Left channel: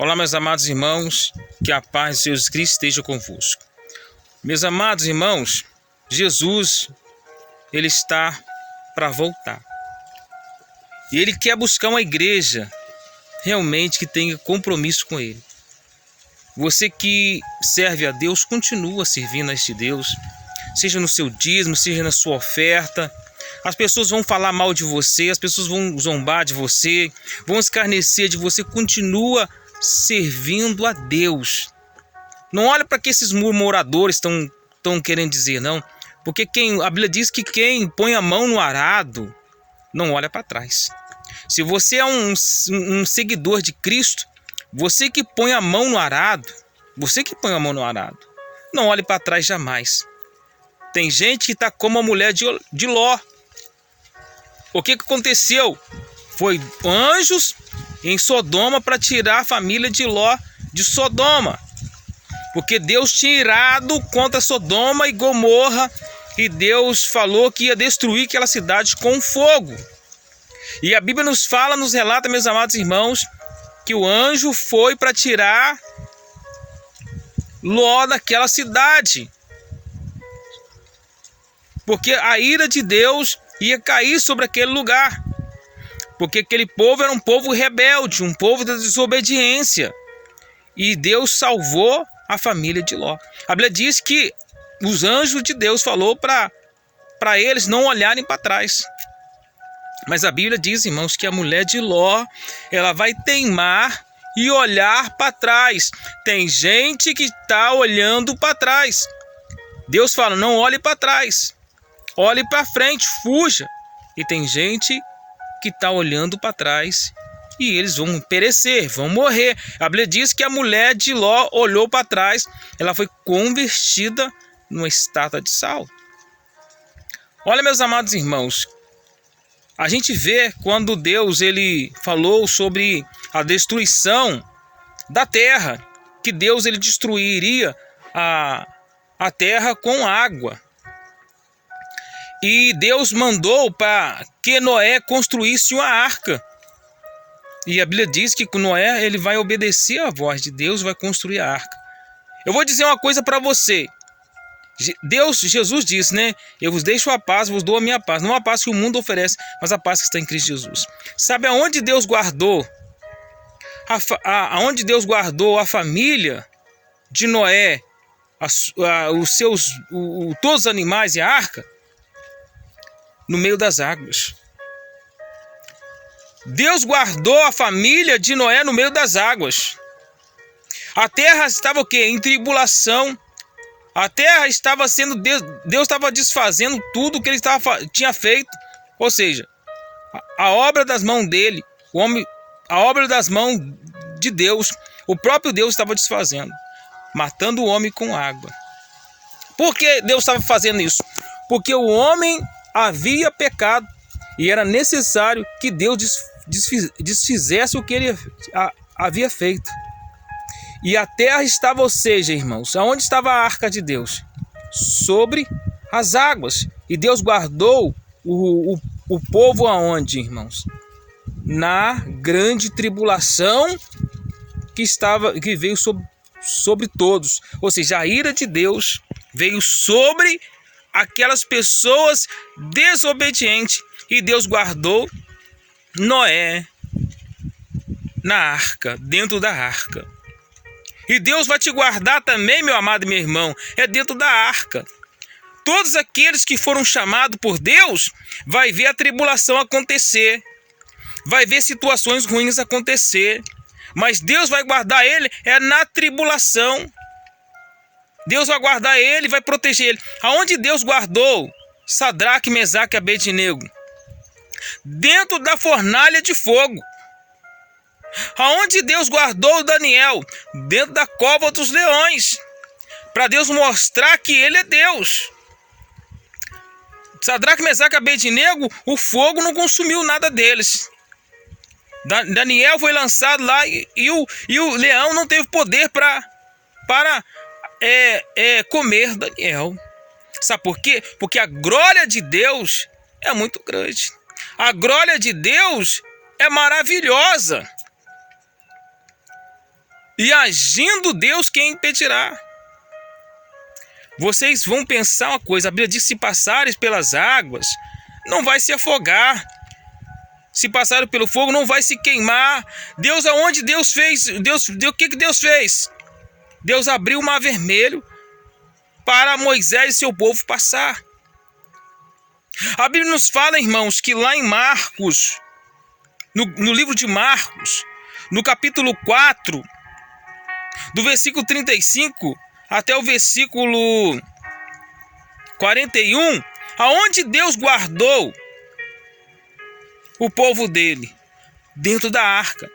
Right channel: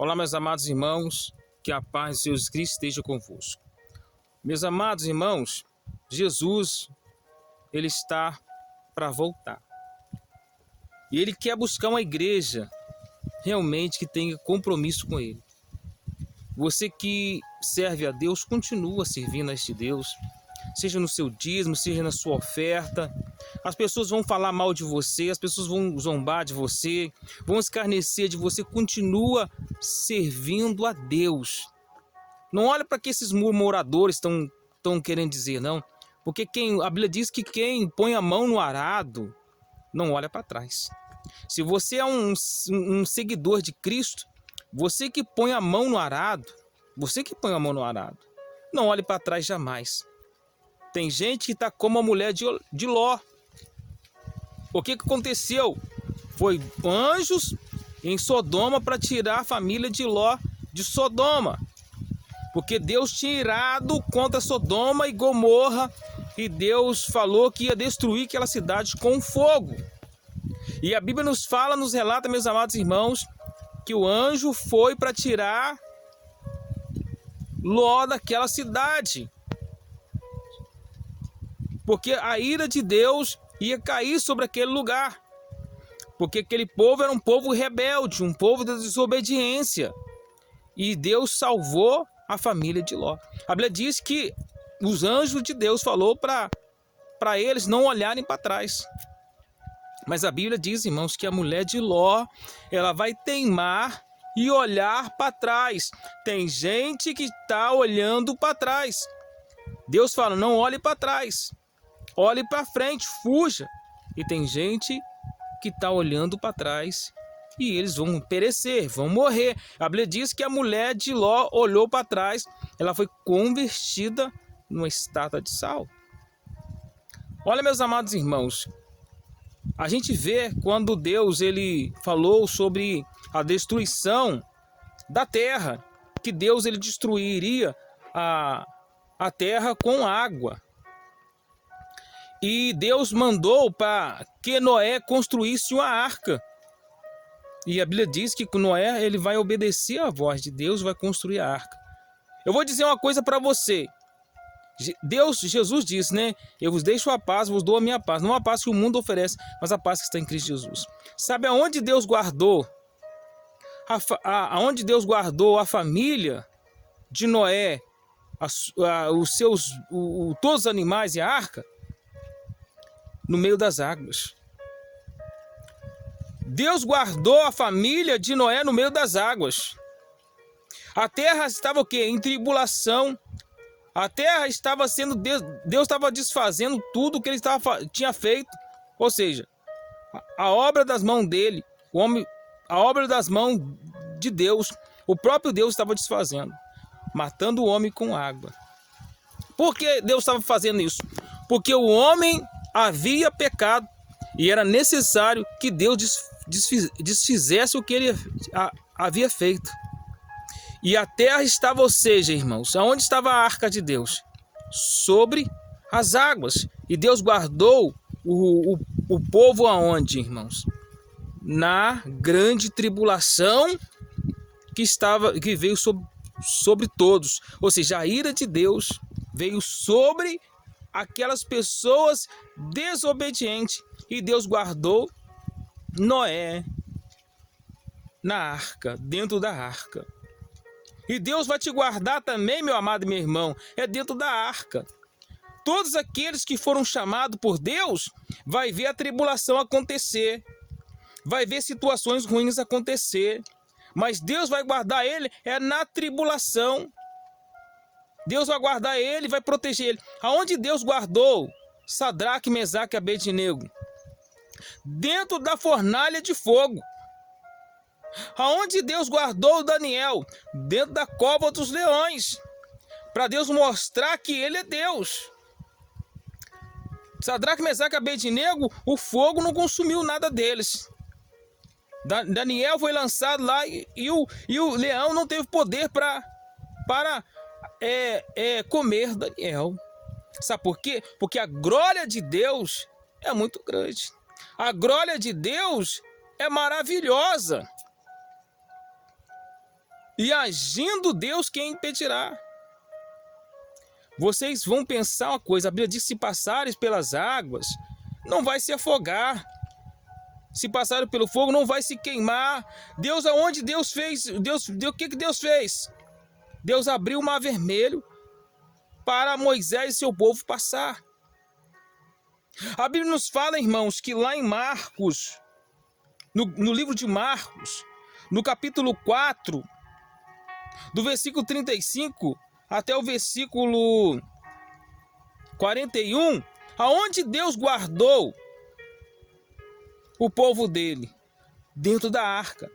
Olá, meus amados irmãos, que a paz de Jesus Cristo esteja convosco. Meus amados irmãos, Jesus, Ele está para voltar. E Ele quer buscar uma igreja realmente que tenha compromisso com Ele. Você que serve a Deus, continua servindo a este Deus, seja no seu dízimo, seja na sua oferta. As pessoas vão falar mal de você, as pessoas vão zombar de você, vão escarnecer de você. Continua servindo a Deus. Não olha para que esses murmuradores estão querendo dizer, não. Porque a Bíblia diz que quem põe a mão no arado não olha para trás. Se você é um seguidor de Cristo, você que põe a mão no arado, não olhe para trás jamais. Tem gente que está como a mulher de Ló. O que aconteceu? Foi anjos em Sodoma para tirar a família de Ló de Sodoma. Porque Deus tinha irado contra Sodoma e Gomorra, e Deus falou que ia destruir aquela cidade com fogo. E a Bíblia nos relata, meus amados irmãos, que o anjo foi para tirar Ló daquela cidade. Porque a ira de Deus ia cair sobre aquele lugar. Porque aquele povo era um povo rebelde, um povo da desobediência. E Deus salvou a família de Ló. A Bíblia diz que os anjos de Deus falou para eles não olharem para trás. Mas a Bíblia diz, irmãos, que a mulher de Ló, ela vai teimar e olhar para trás. Tem gente que está olhando para trás. Deus fala, não olhe para trás. Olhe para frente, fuja. E tem gente que está olhando para trás e eles vão perecer, vão morrer. A Bíblia diz que a mulher de Ló olhou para trás, ela foi convertida numa estátua de sal. Olha, meus amados irmãos, a gente vê quando Deus ele falou sobre a destruição da terra, que Deus ele destruiria a terra com água. E Deus mandou para que Noé construísse uma arca. E a Bíblia diz que Noé ele vai obedecer à voz de Deus, vai construir a arca. Eu vou dizer uma coisa para você. Jesus disse, né? Eu vos deixo a paz, vos dou a minha paz. Não a paz que o mundo oferece, mas a paz que está em Cristo Jesus. Sabe aonde Deus guardou? Aonde Deus guardou a família de Noé, todos os animais e a arca? No meio das águas. Deus guardou a família de Noé no meio das águas. A terra estava o quê? Em tribulação. A terra estava sendo... Deus estava desfazendo tudo que ele tinha feito. Ou seja, a obra das mãos dele, a obra das mãos de Deus, o próprio Deus estava desfazendo, matando o homem com água. Por que Deus estava fazendo isso? Porque o homem havia pecado e era necessário que Deus desfizesse o que ele havia feito. E a terra estava, ou seja, irmãos, aonde estava a arca de Deus? Sobre as águas. E Deus guardou o povo aonde, irmãos? Na grande tribulação que veio sobre todos. Ou seja, a ira de Deus veio sobre aquelas pessoas desobedientes, e Deus guardou Noé na arca, dentro da arca. E Deus vai te guardar também, meu amado e meu irmão, dentro da arca. Todos aqueles que foram chamados por Deus vai ver a tribulação acontecer, vai ver situações ruins acontecer, mas Deus vai guardar ele na tribulação. Deus vai guardar ele, vai proteger ele. Aonde Deus guardou Sadraque, Mesaque e Abednego? Dentro da fornalha de fogo. Aonde Deus guardou Daniel? Dentro da cova dos leões. Para Deus mostrar que ele é Deus. Sadraque, Mesaque e Abednego, o fogo não consumiu nada deles. Daniel foi lançado lá e o leão não teve poder para comer Daniel. Sabe por quê? Porque a glória de Deus é muito grande. A glória de Deus é maravilhosa. E agindo Deus, quem impedirá? Vocês vão pensar uma coisa, a Bíblia diz que se passares pelas águas, não vai se afogar. Se passarem pelo fogo, não vai se queimar. Deus, aonde Deus fez? O que Deus fez? Deus abriu o mar vermelho para Moisés e seu povo passar. A Bíblia nos fala, irmãos, que lá em Marcos, no livro de Marcos, no capítulo 4, do versículo 35 até o versículo 41, aonde Deus guardou o povo dele, dentro da arca.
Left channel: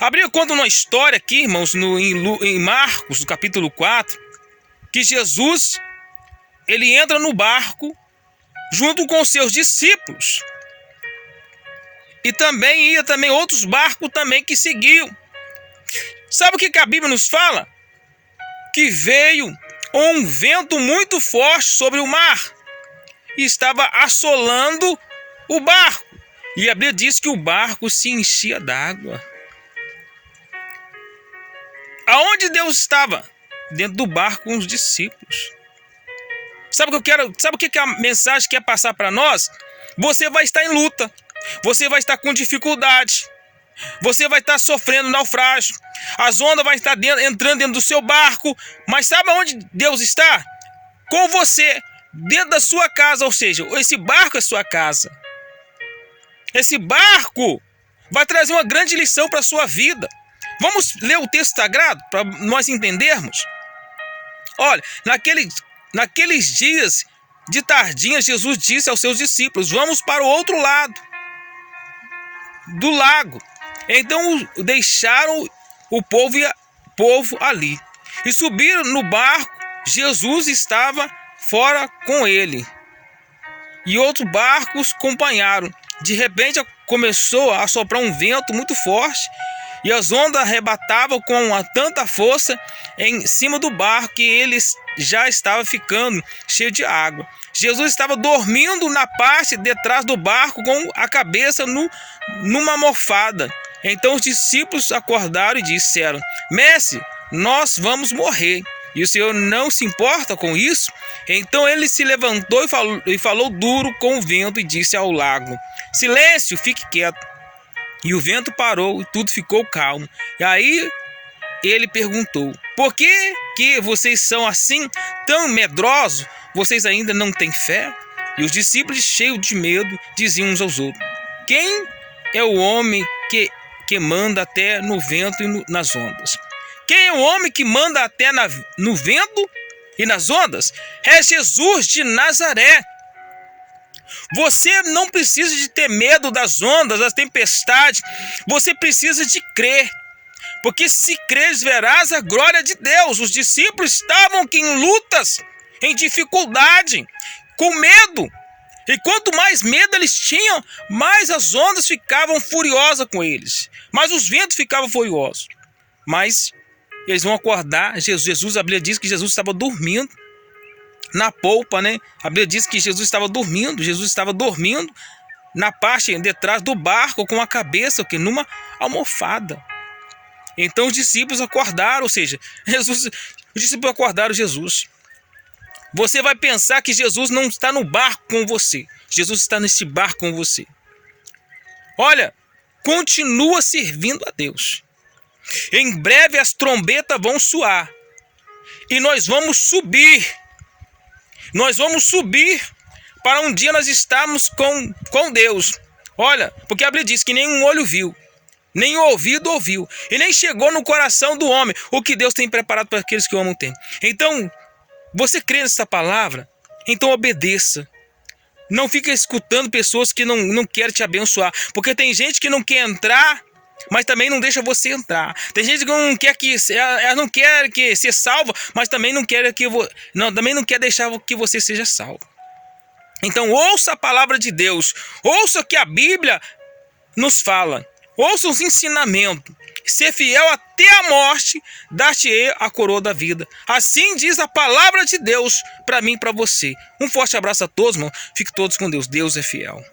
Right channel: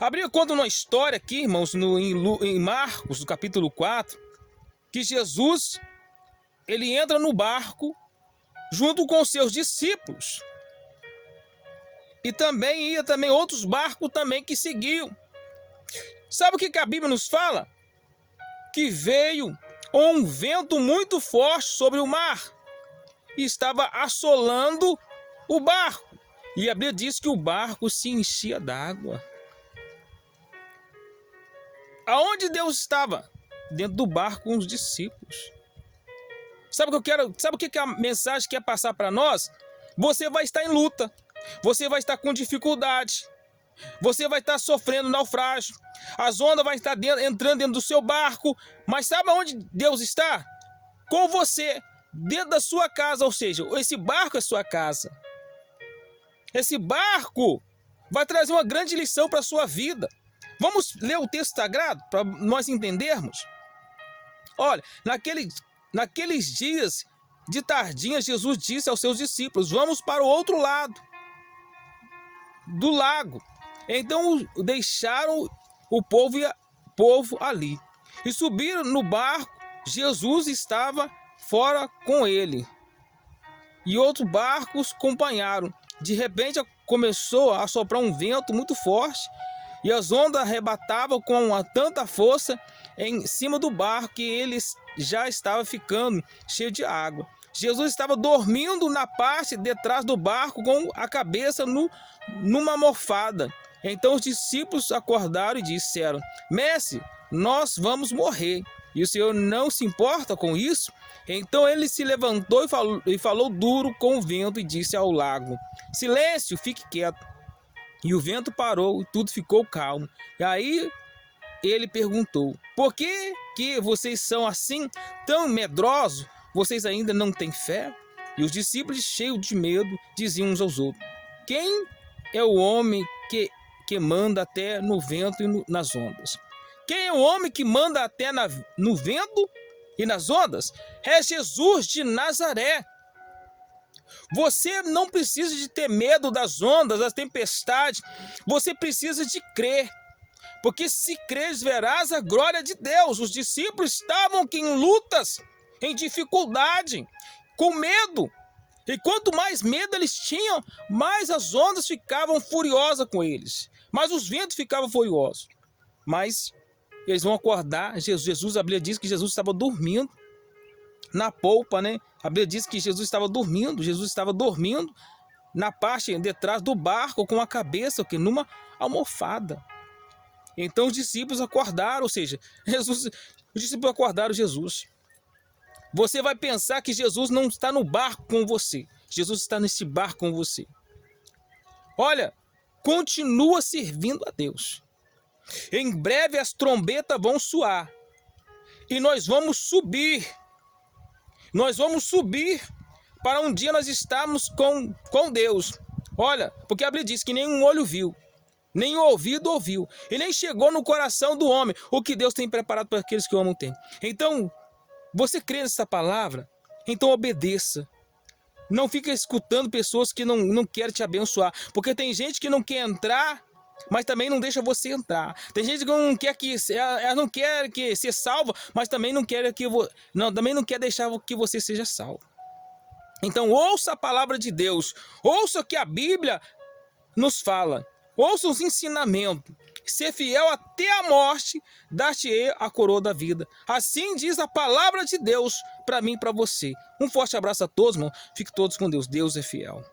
A Bíblia conta uma história aqui, irmãos, em Marcos, no capítulo 4, que Jesus, ele entra no barco junto com seus discípulos. E também ia outros barcos também que seguiam. Sabe o que a Bíblia nos fala? Que veio um vento muito forte sobre o mar e estava assolando o barco. E a Bíblia diz que o barco se enchia d'água. Aonde Deus estava? Dentro do barco com os discípulos. Sabe o que a mensagem quer passar para nós? Você vai estar em luta. Você vai estar com dificuldade. Você vai estar sofrendo naufrágio. As ondas vão estar entrando dentro do seu barco. Mas sabe onde Deus está? Com você, dentro da sua casa. Ou seja, esse barco é sua casa. Esse barco vai trazer uma grande lição para a sua vida. Vamos ler o texto sagrado para nós entendermos? Olha, naqueles dias de tardinha, Jesus disse aos seus discípulos: vamos para o outro lado do lago. Então deixaram o povo ali e subiram no barco. Jesus estava fora com ele e outros barcos acompanharam. De repente começou a soprar um vento muito forte e as ondas arrebatavam com tanta força em cima do barco que ele já estava ficando cheio de água. Jesus estava dormindo na parte de trás do barco com a cabeça numa almofada. Então os discípulos acordaram e disseram: Mestre, nós vamos morrer. E o Senhor não se importa com isso? Então ele se levantou e falou duro com o vento e disse ao lago: Silêncio, fique quieto. E o vento parou e tudo ficou calmo. E aí ele perguntou: Por que vocês são assim, tão medrosos? Vocês ainda não têm fé? E os discípulos, cheios de medo, diziam uns aos outros: Quem é o homem que manda até no vento e nas ondas? Quem é o homem que manda até no vento e nas ondas? É Jesus de Nazaré. Você não precisa de ter medo das ondas, das tempestades. Você precisa de crer. Porque se creres, verás a glória de Deus. Os discípulos estavam aqui em lutas, em dificuldade, com medo. E quanto mais medo eles tinham, mais as ondas ficavam furiosas com eles. Mais os ventos ficavam furiosos. Mas eles vão acordar. Jesus, a Bíblia diz que Jesus estava dormindo na polpa, né? A Bíblia diz que Jesus estava dormindo. Jesus estava dormindo na parte de trás do barco com a cabeça numa almofada. Então os discípulos acordaram, ou seja, os discípulos acordaram Jesus. Você vai pensar que Jesus não está no barco com você. Jesus está nesse barco com você. Olha, continua servindo a Deus. Em breve as trombetas vão soar. E nós vamos subir. Nós vamos subir para um dia nós estarmos com Deus. Olha, porque a Bíblia diz que nenhum olho viu, nem ouvido ouviu, e nem chegou no coração do homem o que Deus tem preparado para aqueles que o amam tem. Então, você crê nessa palavra? Então obedeça. Não fica escutando pessoas que não querem te abençoar. Porque tem gente que não quer entrar, mas também não deixa você entrar. Tem gente que não quer ela não quer que ser salva, mas também não quer também não quer deixar que você seja salvo. Então ouça a palavra de Deus. Ouça o que a Bíblia nos fala. Ouça os ensinamentos. Ser fiel até a morte, dar-te-ei a coroa da vida. Assim diz a palavra de Deus para mim e para você. Um forte abraço a todos, irmão. Fique todos com Deus. Deus é fiel.